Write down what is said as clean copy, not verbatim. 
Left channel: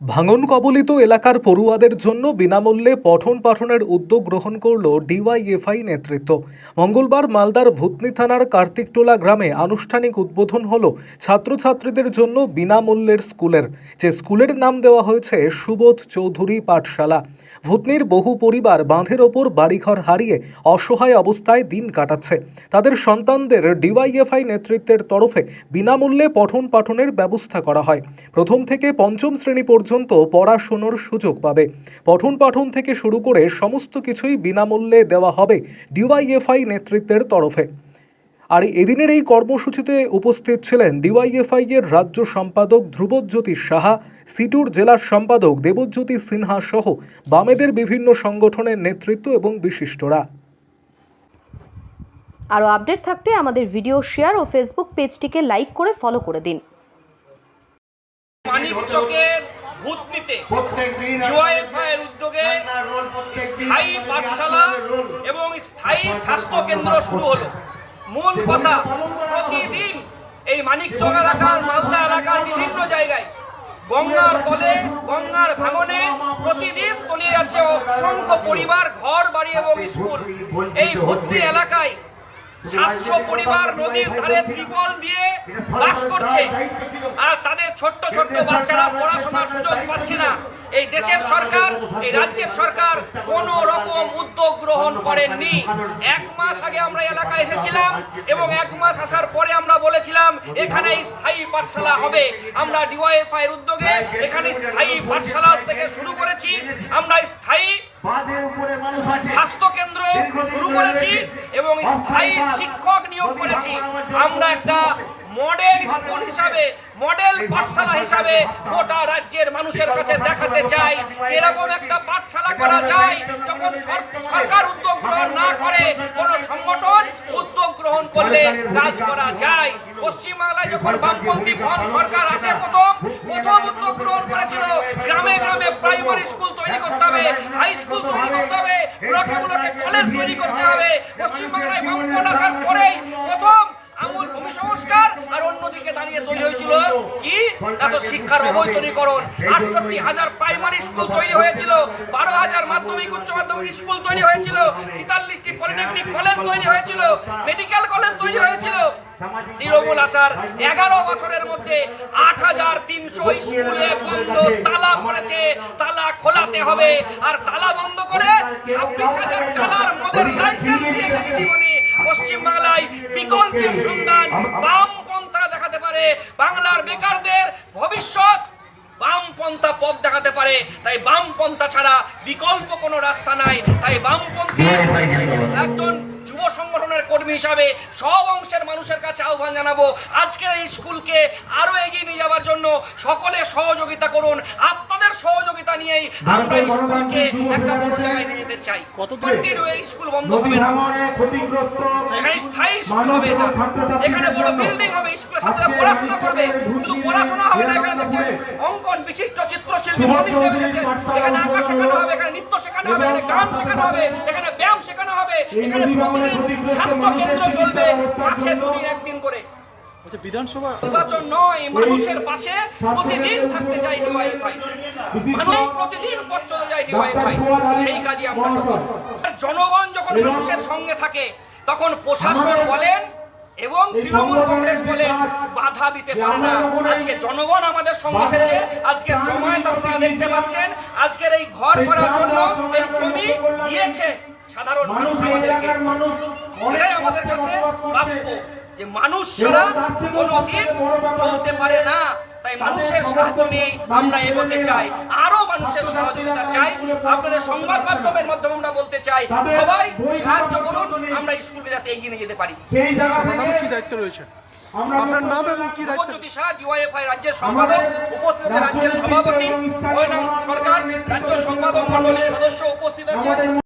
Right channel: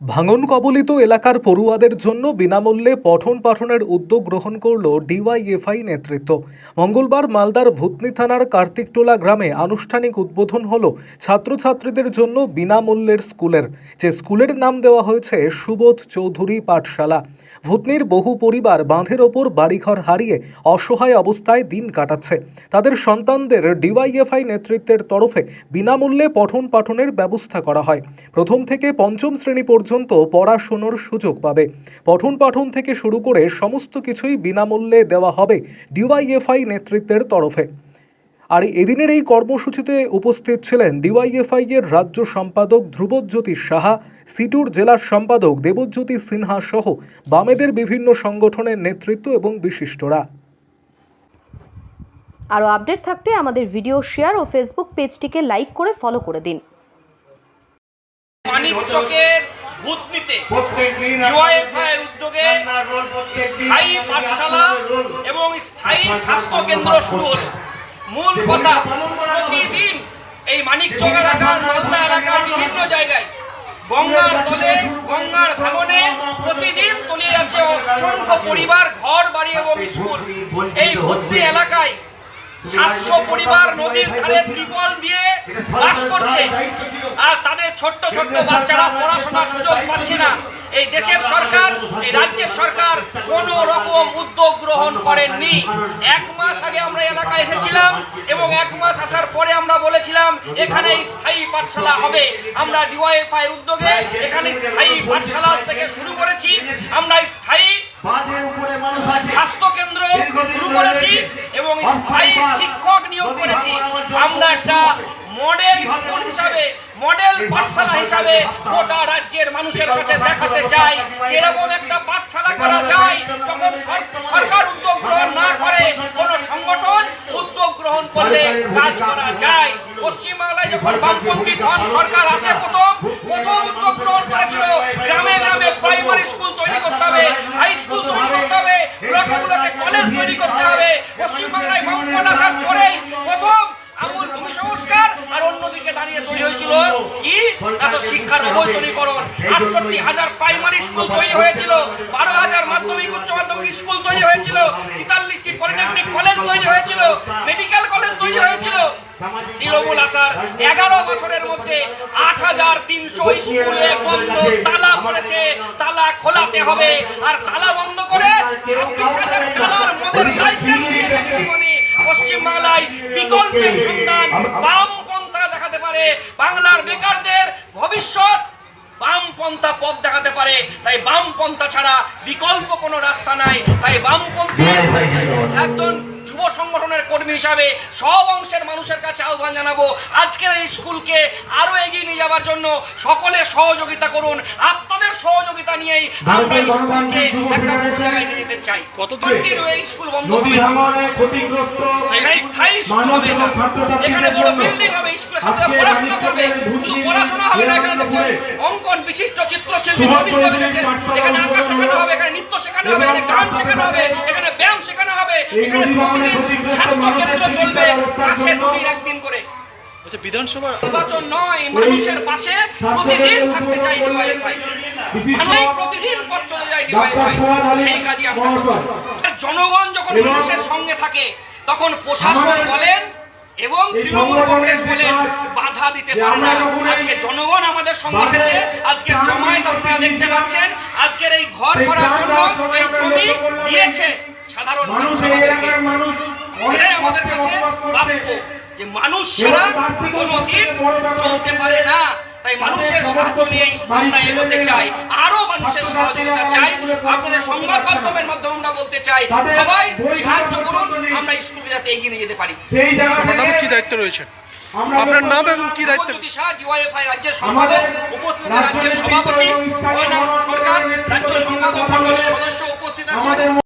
ভাঙন কবলিত এলাকার পড়ুয়াদের জন্য বিনামূল্যে পঠন পাঠনের উদ্যোগ গ্রহণ করল ডিওয়াইএফআই নেতৃত্ব। মঙ্গলবার মালদার ভূতনি থানার কার্তিকটোলা গ্রামে আনুষ্ঠানিক উদ্বোধন হল ছাত্রছাত্রীদের জন্য বিনামূল্যের স্কুলের, যে স্কুলের নাম দেওয়া হয়েছে সুবোধ চৌধুরী পাঠশালা। ভূতনির বহু পরিবার বাঁধের ওপর বাড়িঘর হারিয়ে অসহায় অবস্থায় দিন কাটাচ্ছে। তাদের সন্তানদের ডিওয়াইএফআই নেতৃত্বের তরফে বিনামূল্যে পঠন পাঠনের ব্যবস্থা করা হয়। প্রথম থেকে পঞ্চম শ্রেণী পর্যন্ত পড়াশোনার সুযোগ পাবে। পঠন পাঠন থেকে শুরু করে সমস্ত কিছুই বিনামূল্যে দেওয়া হবে ডিওয়াইএফআই নেতৃত্বের তরফে। আর এদিনের এই কর্মসূচিতে উপস্থিত ছিলেন ডিওয়াইএফআই এর রাজ্য সম্পাদক ধ্রুবজ্যোতি সাহা, সিটুর জেলার সম্পাদক দেবজ্যোতি সিনহা সহ বামেদের বিভিন্ন সংগঠনের নেতৃত্ব এবং বিশিষ্টরা। আরও আপডেট থাকতে আমাদের ভিডিও শেয়ার ও ফেসবুক পেজটিকে লাইক করে ফলো করে দিন। মানিকচকের ভূতনিতে ডিওয়াইএফআইয়ের উদ্যোগে স্থায়ী পাঠশালা এবং স্থায়ী স্বাস্থ্য কেন্দ্র শুরু হলো। মূল কথা, প্রতিদিন এই মানিকচক এলাকার, মালদা এলাকার বিভিন্ন জায়গায় গঙ্গার তলে, গঙ্গার ভাঙনে প্রতিদিন তলিয়ে যাচ্ছে অসংখ্য পরিবার, ঘর বাড়ি এবং স্কুল। এই ভূতনি এলাকায় 700 পরিবার নদীর ধারে ত্রিপল দিয়ে বাস করছে, আর তাদের ছোট্ট ছোট্ট বাচ্চারা পড়াশোনার সুযোগ পাচ্ছে না। এই দেশের সরকার, এই রাজ্যের সরকার কোনো রকম উদ্যোগ গ্রহণ করেননি। 1 মাস আগে আমরা এলাকায় এসেছিলাম এবং 1 মাস আসার পরে আমরা বলেছিলাম এখানে স্থায়ী পাঠশালা হবে। আমরা ডিওয়াইএফআই এর উদ্যোগে এখানে স্থায়ী পাঠশালা থেকে শুরু করেছি। আমরা স্থায়ী স্বাস্থ্য কেন্দ্র শুরু করেছি এবং স্থায়ী শিক্ষক নিয়োগ করেছি। আমরা একটা মডেল স্কুল হিসাবে, মডেল পাঠশালা হিসাবে গোটা রাজ্যের মানুষের কাছে দেখাতে চাই যেরকম একটা পাঠশালা করা যায়। যখন সরকার উদ্যোগ গ্রহণ না করে, কোন সংগঠন উদ্যোগ গ্রহণ করলে কাজ করা যায়। পশ্চিমবাংলায় যখন বামপন্থী ফ্রন্ট সরকার আসে, প্রথম উদ্যোগ গ্রহণ করেছিল গ্রামে গ্রামে প্রাইমারি স্কুল তৈরি করতে হবে, হাই স্কুল তৈরি করতে হবে, ব্লকে ব্লকে কলেজ তৈরি করতে হবে। পশ্চিমবাংলায় বামপন্থ আসার পরেই প্রথম আমূল ভূমি সংস্কার, আর অন্যদিকে দাঁড়িয়ে তৈরি হয়েছিল কি এত শিক্ষার অবৈতনীকরণ। 68,000 প্রাইমারি স্কুল তৈরি হয়েছিল, 12,000 মাধ্যমিক উচ্চ মাধ্যমিক স্কুল তৈরি হয়েছিল, 43টি পলিটেকনিক কলেজ তৈরি হয়েছিল, মেডিকেল কলেজ তৈরি হয়েছিল। তৃণমূল আসার 11 বছরের মধ্যে 8,300 স্কুলে বন্ধ, তালা পড়েছে। তালা খোলাতে হবে, আর তালা বন্ধ করে 26,000 টাকার মদের লাইসেন্স দিয়েছে দিদিমণি। পশ্চিমবাংলায় বিকল্পের সন্ধান বামপন্থা দেখাতে পারে, বাংলার বেকারদের ভবিষ্যৎ বামপন্থা পথ দেখাতে পারে। তাই বামপন্থা ছাড়া বিকল্প কোনো রাস্তা নাই। তাই বামপন্থী একজন যুব সংগঠনের কর্মী হিসাবে সব অংশের মানুষের কাছে আহ্বান জানাবো, আজকের এই স্কুলকে আরো এগিয়ে নিয়ে যাওয়ার জন্য সকলে সহযোগিতা করুন। আপনাদের সহযোগিতা নিয়েই আমরা এই স্কুলকে একটা বড় জায়গায় নিয়ে যেতে চাই। কতদিন এই স্কুল বন্ধ হবে না, স্থায়ী স্কুল হবে না, এখানে বড় বিল্ডিং হবে, স্কুলের সাথে পড়াশোনা করবে। শুধু পড়াশোনা হবে না, এখানে দেখছেন অঙ্কন বিশিষ্ট চিত্রশিল্পী এখানে আঁকা শেখানো হবে, এখানে নৃত্য শেখানো হবে, এখানে গান শেখানো হবে, এখানে ব্যায়াম শেখানো হবে, এখানে স্বাস্থ্য কেন্দ্র চলবে মাসে 2 দিন 1 দিন করে। বিধানসভা নির্বাচন নয়, মানুষের পাশে প্রতিদিন থাকতে চাই ডিওয়াইএফআই। মানুষ প্রতিদিন পথ চলে যায় ডিওয়াইএফআই, সেই কাজই আমরা করছি। জনগণ যখন মানুষের সঙ্গে থাকে, তখন প্রশাসন বলেন এবং তৃণমূল কংগ্রেস বলেন বাধা দিতে পারে না। আজকে জনগণ আমাদের সঙ্গে এসেছে, আজকে জমায়েত আপনারা দেখতে পাচ্ছেন। আজকের এই ঘর করার জন্য এই জমি দিয়েছে সাধারণ মানুষ আমাদেরকে। এটাই আমাদের কাছে প্রাপ্য, যে মানুষ ছাড়া কোনোদিন চলতে পারে না। তাই মানুষের সাহায্য নিয়েই আমরা এগোতে চাই, আরো মানুষের সহযোগিতা চাই। আপনাদের সংবাদ মাধ্যমের মাধ্যমে আমরা বলতে চাই, সবাই সাহায্য করুন, আমরা স্কুলে যাতে এগিয়ে নিয়ে যেতে পারি। আপনার নাম কি দায়িত্ব রয়েছে? আপনার নাম এবং কি দায়িত্ব? ডিওয়াইএফআই রাজ্যের সম্পাদক, উপস্থিত রাজ্যের সভাপতি সরকার, রাজ্য সম্পাদক মণ্ডলীর সদস্য উপস্থিত আছে।